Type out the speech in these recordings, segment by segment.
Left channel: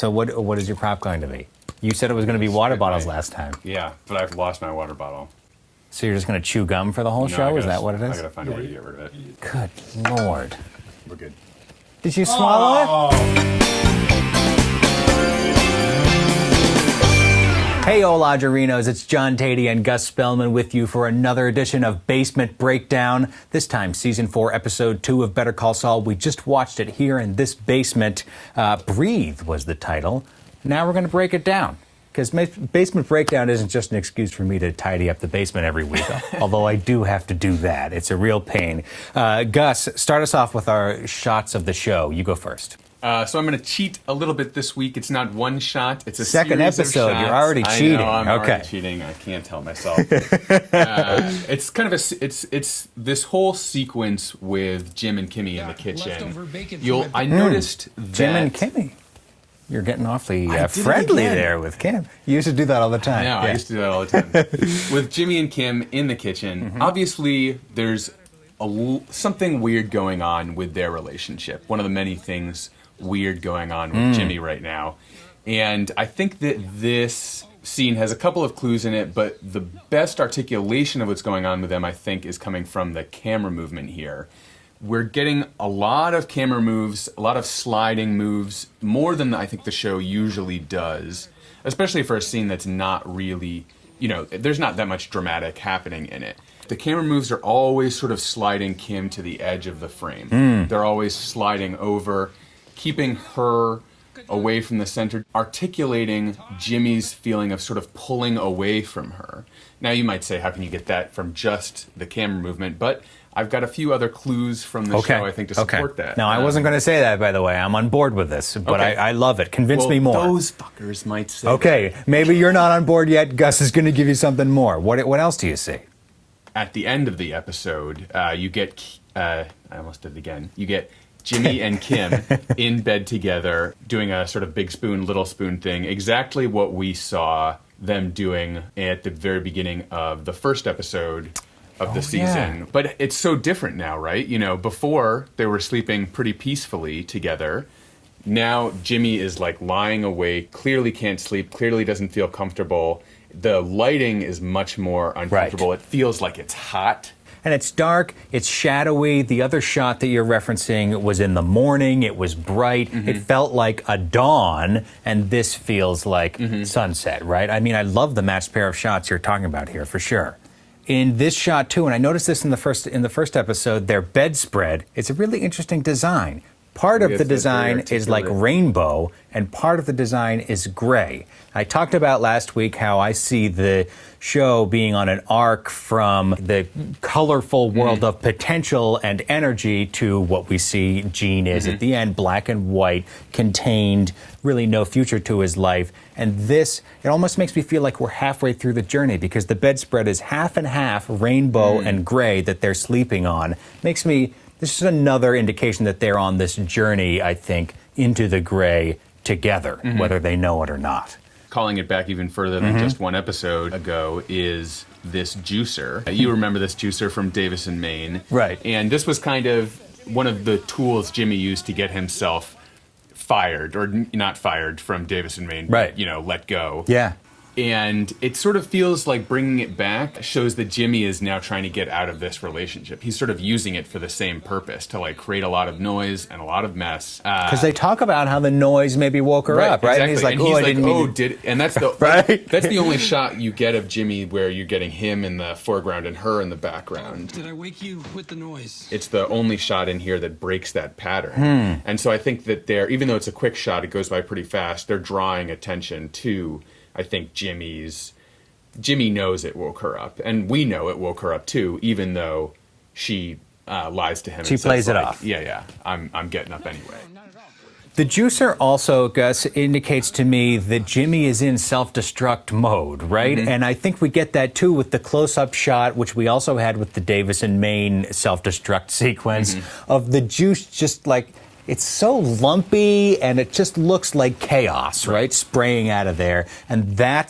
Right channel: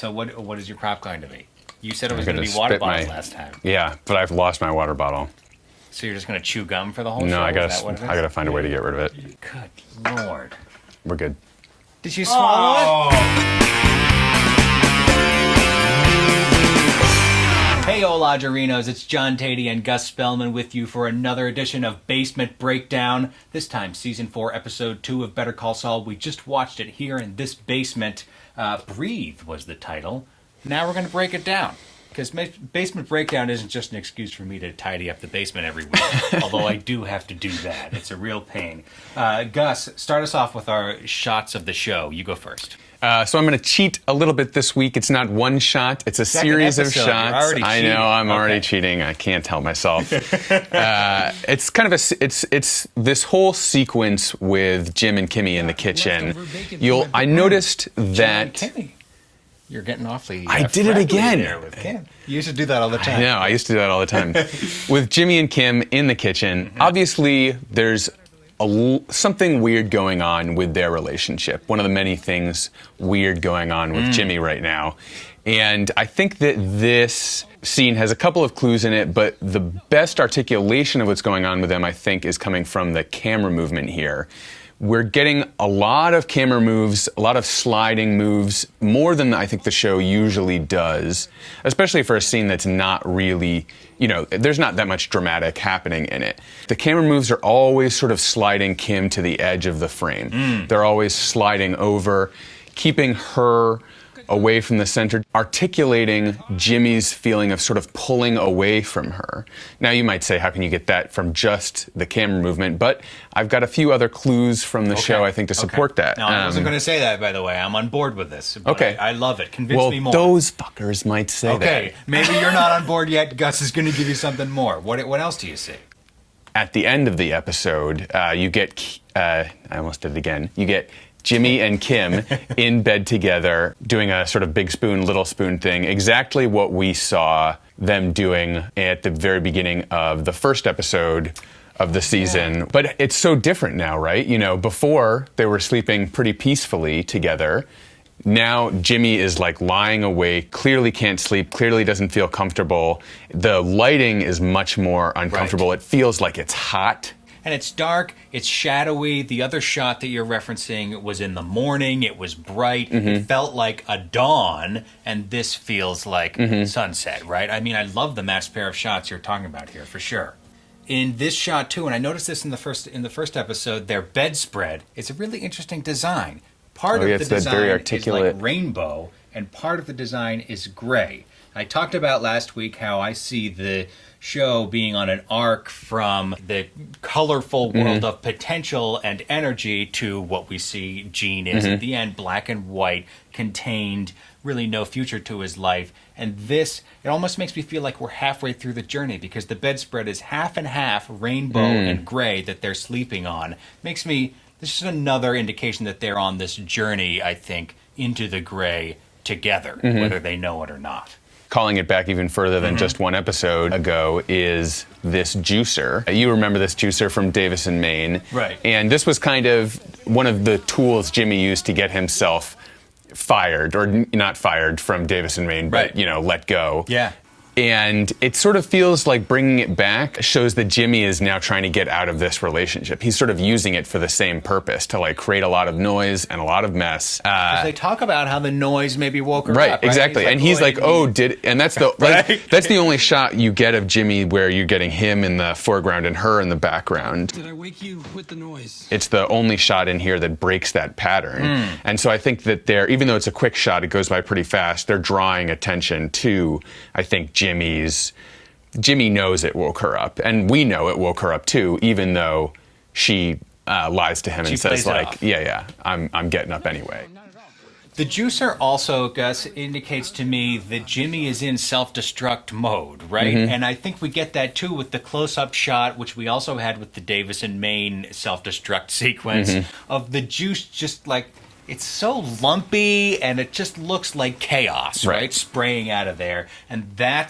So what is your prop going to be? You said it was going to be water bottles last time. Yeah, but I've lost my water bottle. So you're just going to chew gum for the whole show? I Is that what it is? I gotta find a way to get rid of it. Good Lord. We're good. Did you swallow it? Hey, Olagerinos, it's John Tatey and Gus Spellman with you for another edition of Basement Breakdown. This time, Season 4, Episode 2 of Better Call Saul. We just watched it here in this basement. Breathe was the title. Now we're going to break it down. Because Basement Breakdown isn't just an excuse for me to tidy up the basement every week, although I do have to do that. It's a real pain. Gus, start us off with our shots of the show. You go first. So I'm going to cheat a little bit this week. It's not one shot. It's a series of shots. You're already cheating. I know, I'm already cheating. I can't help myself. It's kind of it's this whole sequence with Jim and Kimmy in the kitchen. I noticed that... Jim and Kimmy. You're getting awfully I did it again there with Kim. You used to do that all the time. No, I used to do that all the time. With Jimmy and Kim in the kitchen, obviously there's something weird going on with their relationship. One of the many things weird going on with Jimmy right now. And I think that this scene has a couple of clues in it, but the best articulation of what's going on with them, I think, is coming from the camera movement here. We're getting a lot of camera moves, a lot of sliding moves, more than I think the show usually does, especially for a scene that's not really, there's not that much dramatic happening in it. The camera moves are always sort of sliding Kim to the edge of the frame. They're always sliding over, keeping her away from the center, articulating Jimmy's feeling of sort of pulling away from her. Now you might say, how can you get that from just the camera movement? But I've got a few other clues from the show, I think, to support that. No, I wasn't going to say that, by the way. I'm on board with this, but I love it. Convince me more. Those fuckers might say that. Okay, maybe you're not on board yet. Gus is going to give you something more. What else do you see? At the end of the episode, you get, I almost did it again, you get Jimmy and Kim in bed together doing a sort of big spoon, little spoon thing, exactly what we saw them doing at the very beginning of the first episode of the season. Yeah. But it's so different now, right? Before they were sleeping pretty peacefully together. Now Jimmy is like lying awake, clearly can't sleep, clearly doesn't feel comfortable. The lighting is much more uncomfortable. Right. It feels like it's hot. And it's dark, it's shadowy. The other shot that you're referencing was in the morning. It was bright. It felt like a dawn, and this feels like sunset, right? I mean, I love the matched pair of shots you're talking about here, for sure. In this shot, too, and I noticed this in the first episode, their bedspread, it's a really interesting design. Part of the design is like rainbow, and part of the design is gray. I talked about last week how I see the show being on an arc from the colorful world of potential and energy to what we see Gene is at the end, black and white, contained, really no future to his life. And this, it almost makes me feel like we're halfway through the journey because the bedspread is half and half rainbow and gray that they're sleeping on. This is another indication that they're on this journey, I think, into the gray together, whether they know it or not. Calling it back even further than just one episode ago is this juicer. You remember this juicer from Davis and Maine. Right. And this was kind of one of the tools Jimmy used to get himself fired, or not fired from Davis and Maine, but, let go. Yeah. And it sort of feels like bringing it back shows that Jimmy is now trying to get out of this relationship. He's sort of using it for the same purpose, to like create a lot of noise and a lot of mess. Because they talk about how the noise maybe woke her up, right? Exactly. And he's like, and that's the that's the only shot you get of Jimmy where you're getting him in the foreground and her in the background. Did I wake you with the noise? It's the only shot in here that breaks that pattern. And so I think that even though it's a quick shot, it goes by pretty fast, they're drawing attention to, I think, Jimmy knows it woke her up, and we know it woke her up too, even though she lies to him and says like, yeah, I'm getting up anyway. The juicer also, Gus, indicates to me that Jimmy is in self-destruct mode, right? And I think we get that too with the close-up shot, which we also had with the Davis and Maine self-destruct sequence of the juice just like, it's so lumpy and it just looks like chaos, right? Spraying out of there. And I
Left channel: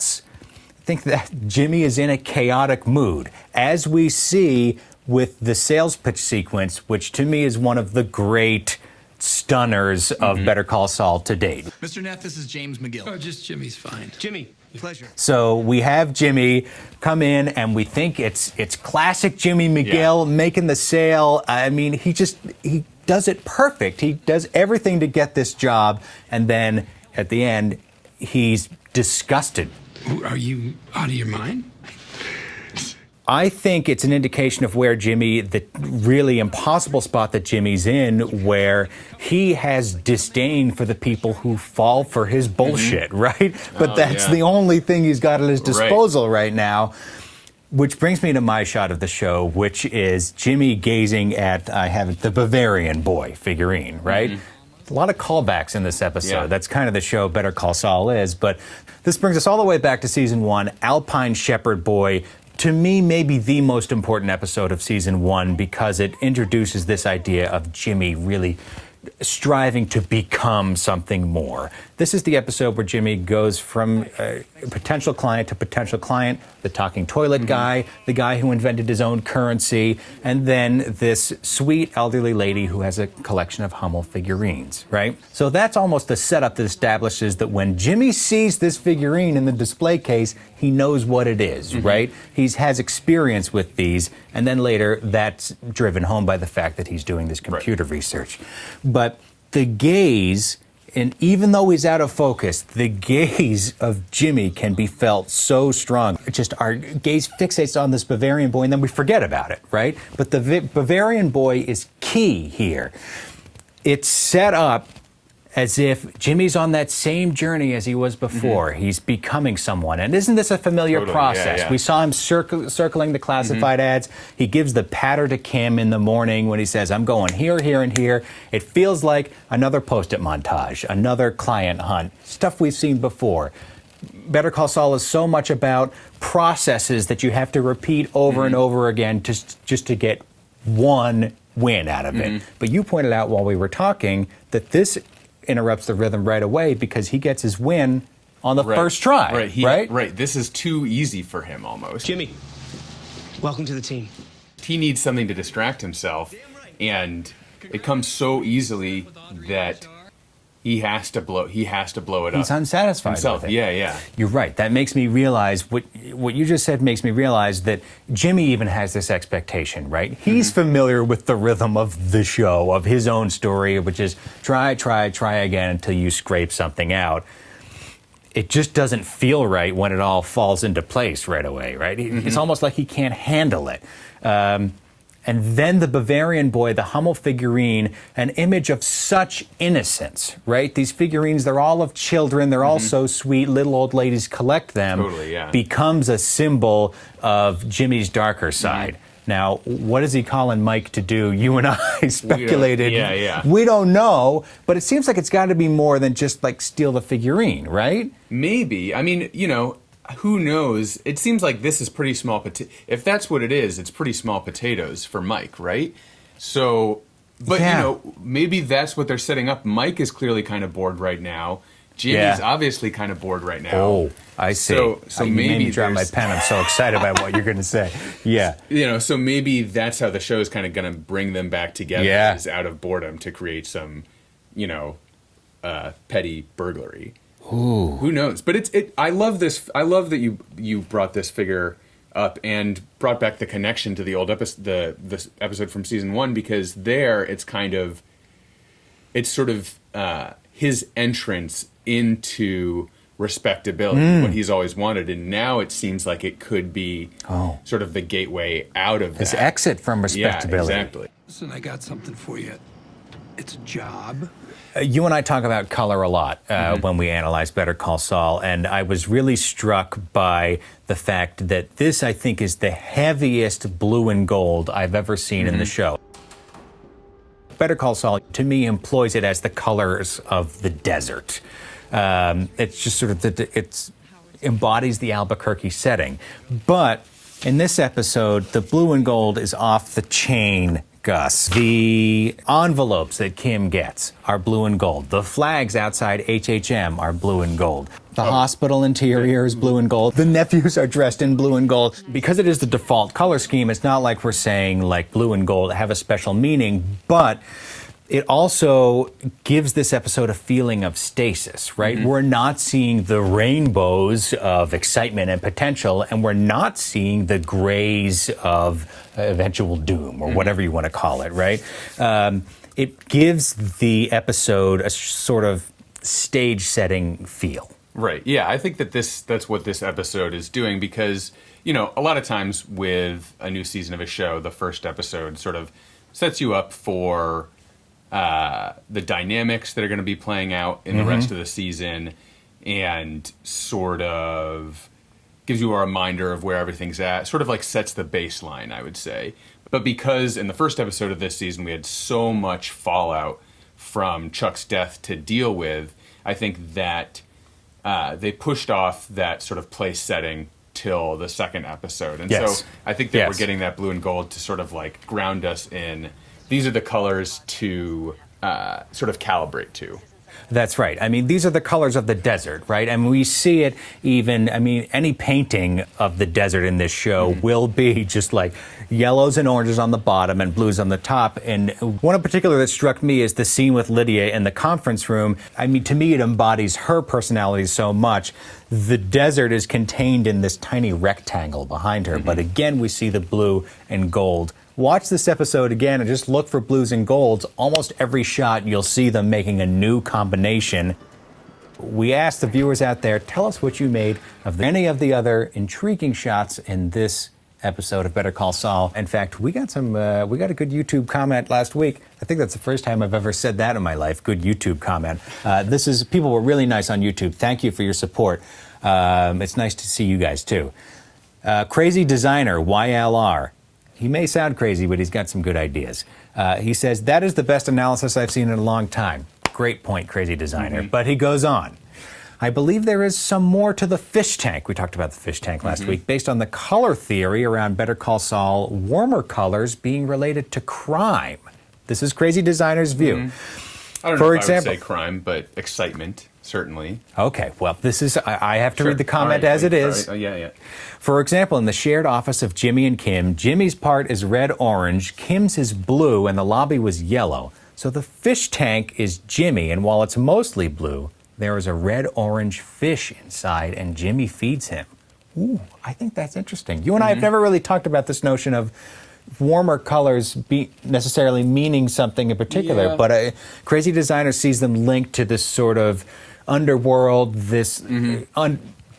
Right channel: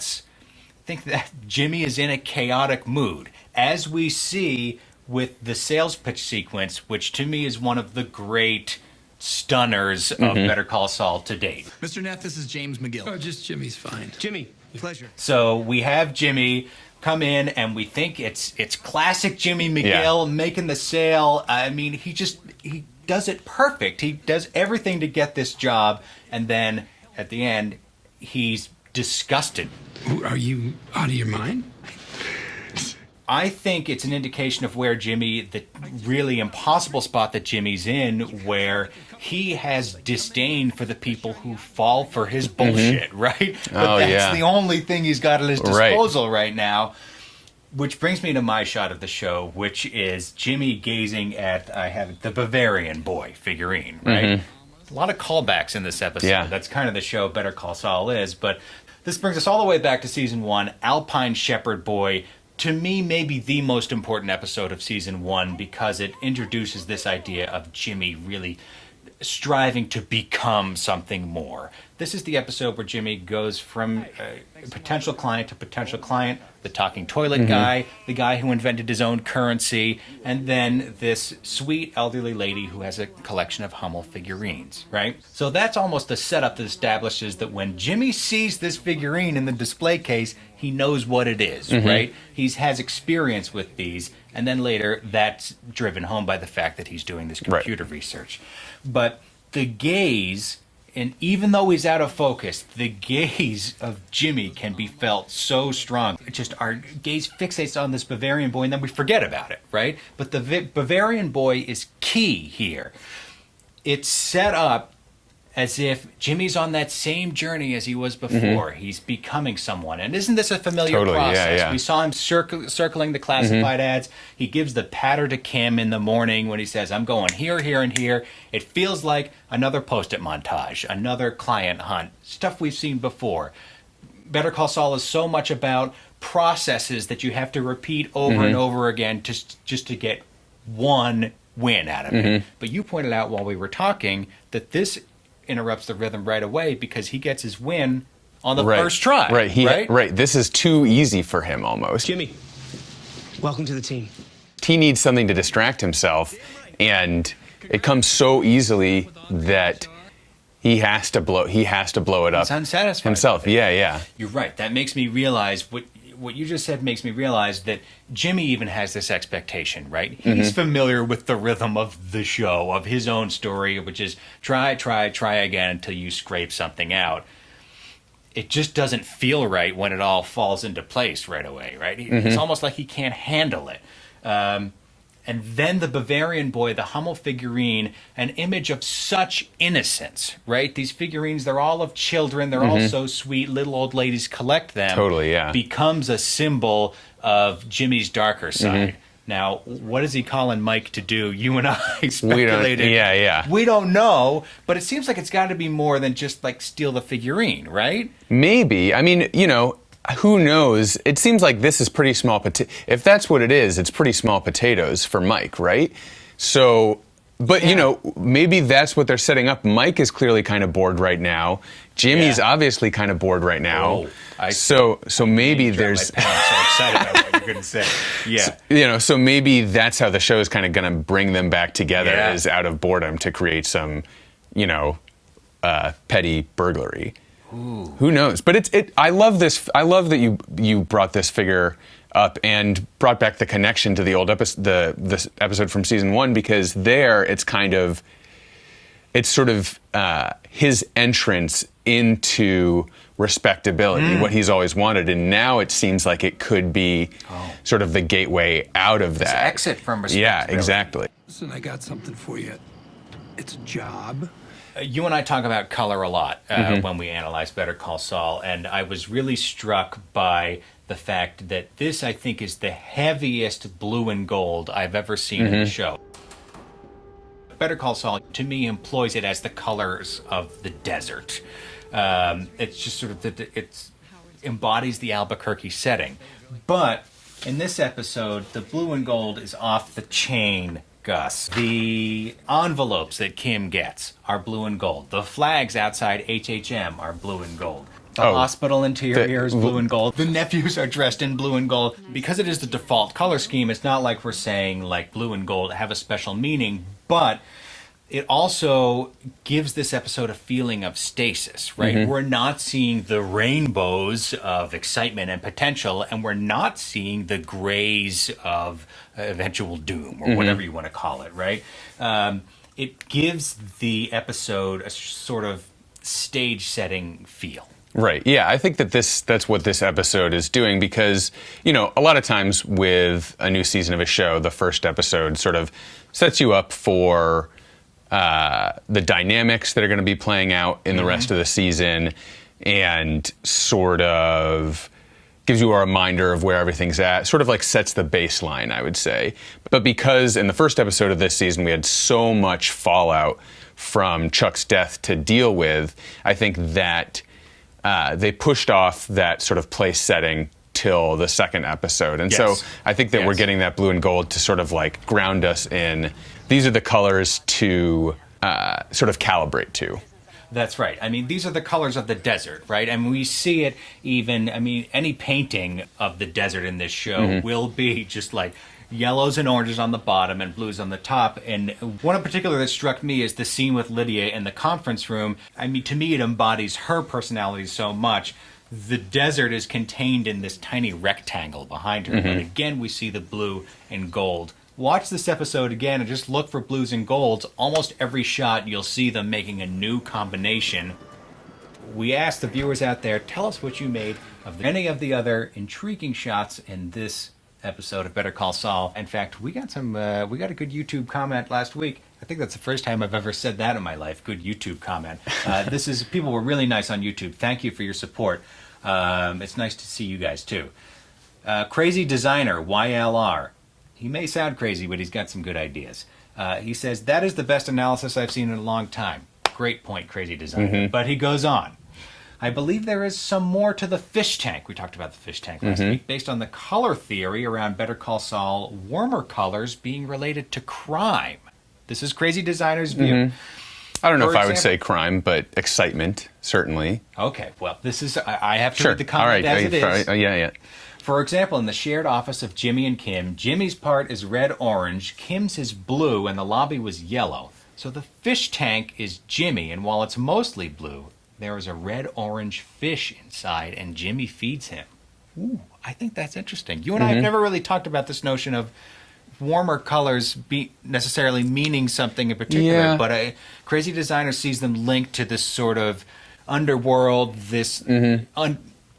think that Jimmy is in a chaotic mood, as we see with the sales pitch sequence, which to me is one of the great stunners of Better Call Saul to date. Mr. Neff, this is James McGill. Oh, just Jimmy's fine. Jimmy, pleasure. So we have Jimmy come in, and we think it's classic Jimmy McGill making the sale. I mean, he does it perfect. He does everything to get this job, and then at the end, he's disgusted. Are you out of your mind? I think it's an indication of where the really impossible spot that Jimmy's in, where he has disdain for the people who fall for his bullshit, right? But that's the only thing he's got at his disposal right now. Which brings me to my shot of the show, which is Jimmy gazing at, I have it, the Bavarian Boy figurine, right? A lot of callbacks in this episode. Yeah. That's kind of the show Better Call Saul is. But this brings us all the way back to season 1, Alpine Shepherd Boy. To me, maybe the most important episode of season 1 because it introduces this idea of Jimmy really striving to become something more. This is the episode where Jimmy goes from potential client to potential client, the talking toilet guy, the guy who invented his own currency, and then this sweet elderly lady who has a collection of Hummel figurines, right? So that's almost the setup that establishes that when Jimmy sees this figurine in the display case, he knows what it is, right? He has experience with these, and then later that's driven home by the fact that he's doing this computer research. But the gaze, and even though he's out of focus, the gaze of Jimmy can be felt so strong. It's just our gaze fixates on this Bavarian Boy and then we forget about it, right? But the Bavarian Boy is key here. It's set up as if Jimmy's on that same journey as he was before. He's becoming someone. And isn't this a familiar process? We saw him circling the classified ads. He gives the patter to Kim in the morning when he says, I'm going here, here, and here. It feels like another post-it montage, another client hunt, stuff we've seen before. Better Call Saul is so much about processes that you have to repeat over and over again just to get one win out of it. But you pointed out while we were talking that this interrupts the rhythm right away because he gets his win on the first try. Right. This is too easy for him almost. Jimmy, welcome to the team. He needs something to distract himself, and it comes so easily that he has to blow it up. He's unsatisfied himself. Yeah. You're right. That makes me realize what you just said makes me realize that Jimmy even has this expectation, right? He's familiar with the rhythm of the show, of his own story, which is try again until you scrape something out. It just doesn't feel right when it all falls into place right away, right? It's almost like he can't handle it. And then the Bavarian Boy, the Hummel figurine, an image of such innocence, right? These figurines, they're all of children. They're all so sweet. Little old ladies collect them. Totally, yeah. Becomes a symbol of Jimmy's darker side. Now, what is he calling Mike to do? You and I speculated. We don't know, but it seems like it's got to be more than just like steal the figurine, right? Maybe. I mean, who knows? It seems like this is pretty small if that's what it is, it's pretty small potatoes for Mike, right? So, but maybe that's what they're setting up. Mike is clearly kind of bored right now. Jimmy's obviously kind of bored right now. Oh, I see. So maybe there's my pen. I'm so excited about what you're going to say. Yeah. So maybe that's how the show is kind of going to bring them back together is out of boredom to create some, petty burglary. Ooh. Who knows? But I love this. I love that you brought this figure up and brought back the connection to the old this episode from season 1 because there it's sort of his entrance into respectability, what he's always wanted, and now it seems like it could be sort of the gateway out of this that exit from respectability. Yeah, exactly. Listen, I got something for you. It's a job. You and I talk about color a lot when we analyze Better Call Saul, and I was really struck by the fact that this, I think, is the heaviest blue and gold I've ever seen in the show. Better Call Saul, to me, employs it as the colors of the desert. It's just sort of, it embodies the Albuquerque setting. But in this episode, the blue and gold is off the chain, Gus. The envelopes that Kim gets are blue and gold. The flags outside HHM are blue and gold. The hospital interior is blue and gold. The nephews are dressed in blue and gold. Because it is the default color scheme, it's not like we're saying like blue and gold have a special meaning, but it also gives this episode a feeling of stasis, right? We're not seeing the rainbows of excitement and potential, and we're not seeing the grays of eventual doom, or whatever you want to call it, right? It gives the episode a sort of stage-setting feel. Right. Yeah, I think that's what this episode is doing, because, you know, a lot of times with a new season of a show, the first episode sort of sets you up for the dynamics that are going to be playing out in the rest of the season, and sort of gives you a reminder of where everything's at, sort of like sets the baseline, I would say. But because in the first episode of this season we had so much fallout from Chuck's death to deal with, I think that they pushed off that sort of place setting till the second episode. And so I think that we're getting that blue and gold to sort of like ground us in, these are the colors to sort of calibrate to. That's right. I mean, these are the colors of the desert, right? I mean, we see it even, I mean, any painting of the desert in this show will be just like yellows and oranges on the bottom and blues on the top. And one in particular that struck me is the scene with Lydia in the conference room. I mean, to me, it embodies her personality so much. The desert is contained in this tiny rectangle behind her, but again, we see the blue and gold. Watch this episode again and just look for blues and golds. Almost every shot, you'll see them making a new combination. We asked the viewers out there, tell us what you made of any of the other intriguing shots in this episode of Better Call Saul. In fact, we got a good YouTube comment last week. I think that's the first time I've ever said that in my life, good YouTube comment. People were really nice on YouTube. Thank you for your support. It's nice to see you guys too. Crazy Designer, YLR. He may sound crazy, but he's got some good ideas. He says, that is the best analysis I've seen in a long time. Great point, Crazy Designer. But he goes on. I believe there is some more to the fish tank. We talked about the fish tank last week, based on the color theory around Better Call Saul, warmer colors being related to crime. This is Crazy Designer's view. I don't know if I would say crime, but excitement, certainly. Okay, well, this is, I have to read the comment as it is. Yeah. For example, in the shared office of Jimmy and Kim, Jimmy's part is red-orange, Kim's is blue, and the lobby was yellow. So the fish tank is Jimmy, and while it's mostly blue, there is a red-orange fish inside, and Jimmy feeds him. Ooh, I think that's interesting. You and I have never really talked about this notion of warmer colors necessarily meaning something in particular, but Crazy Designer sees them linked to this sort of underworld, this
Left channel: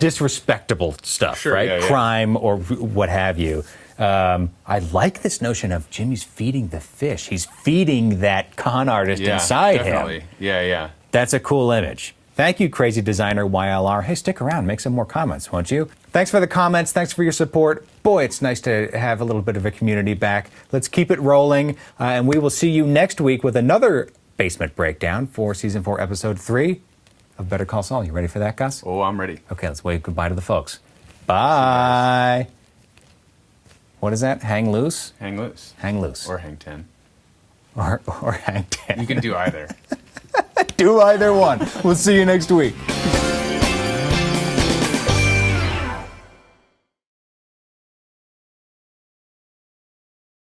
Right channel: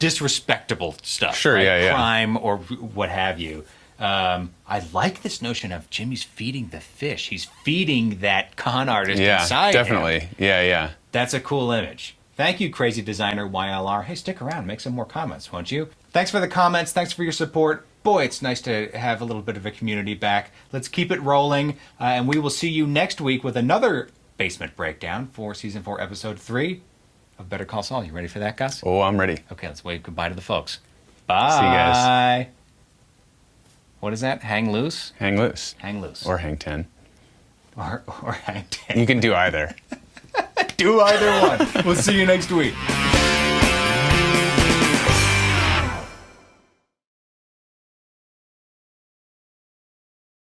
disrespectable stuff, right? Crime or what have you. I like this notion of Jimmy's feeding the fish. He's feeding that con artist inside him. Definitely. Yeah. That's a cool image. Thank you, Crazy Designer YLR. Hey, stick around. Make some more comments, won't you? Thanks for the comments. Thanks for your support. Boy, it's nice to have a little bit of a community back. Let's keep it rolling, and we will see you next week with another basement breakdown for Season 4, Episode 3 of Better Call Saul. You ready for that, Gus? Oh, I'm ready. Okay, let's wave goodbye to the folks. Bye. See you guys. What is that? Hang loose? Hang loose. Hang loose. Or hang 10. Or hang 10. You can do either. Do either one. We'll see you next week.